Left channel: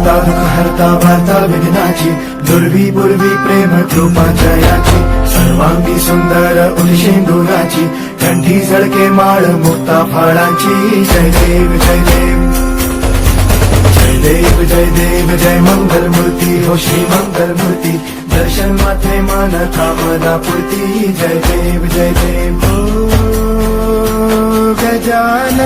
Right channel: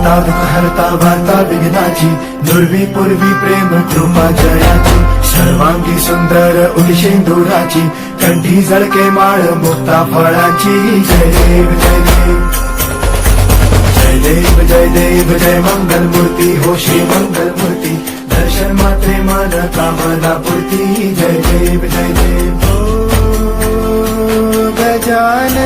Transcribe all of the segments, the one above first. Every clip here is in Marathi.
करता दुःख हरता वार्ता विघ्नाची, दुर्वी पूर्वी प्रेम कृपा जयाची, सर्वांगी सुंदर उदिशेंदुराची, कंठी झळके माळ मुक्ता फळाची. जय देव जय देव जय देव जय देव जय मंगल मूर्ती हो श्री मंगल मूर्ती, दर्शन मात्रे मन कामना पूर्ती. जय देव हो गजानन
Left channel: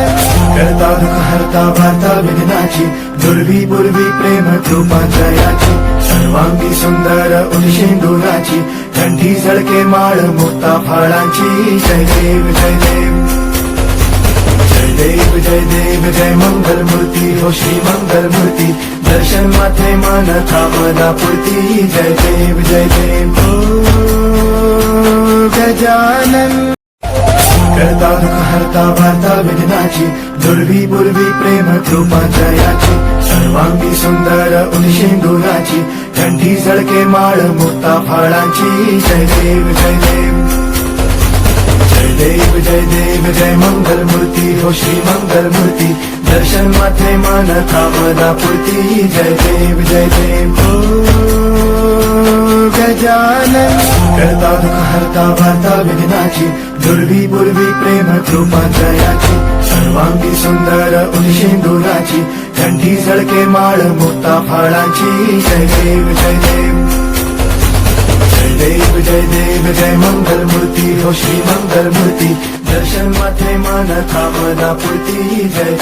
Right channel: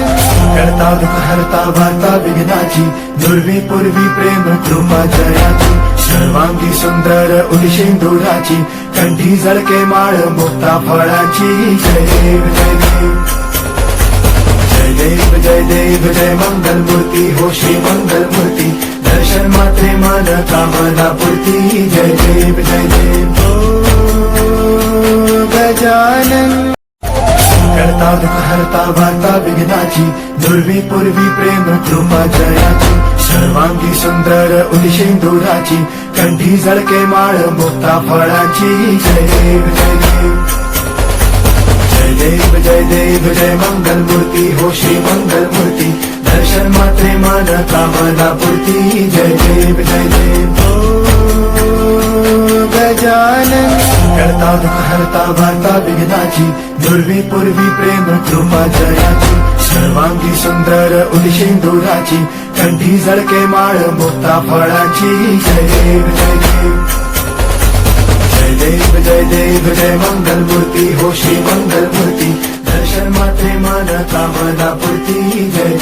करता दुःख हरता वार्ता विघ्नाची, दुर्वी पूर्वी प्रेम कृपा जयाची, सर्वांगी सुंदर उदिशेंदुराची, कंठी झळके माळ मुक्ता फळाची. जय देव जय देव जय देव जय मंगल मूर्ती हो श्री मंगल मूर्ती, दर्शन मात्रे मन कामना पूर्ती. जय देव हो गजानन करता दुःख हरता वार्ता विघ्नाची, दुर्वी पूर्वी प्रेम कृपा जयाची, सर्वांगी सुंदर उदिशेंदुराची, कंठी झळके माळ मुक्ता फळाची. जय देव जय देव जय मंगल मूर्ती हो श्री मंगल मूर्ती, दर्शन मात्रे मन कामना पूर्ती. जय देव हो गजानन करता दुःख हरता वार्ता विघ्नाची, दुर्वी पूर्वी प्रेम कृपा जयाची, सर्वांगी सुंदर उदिशेंदुराची, कंठी झळके माळ मुक्ता फळाची. जय देव जय मंगल मूर्ती हो श्री मंगल मूर्ती, दर्शन मात्रे मन कामना पूर्ती. जय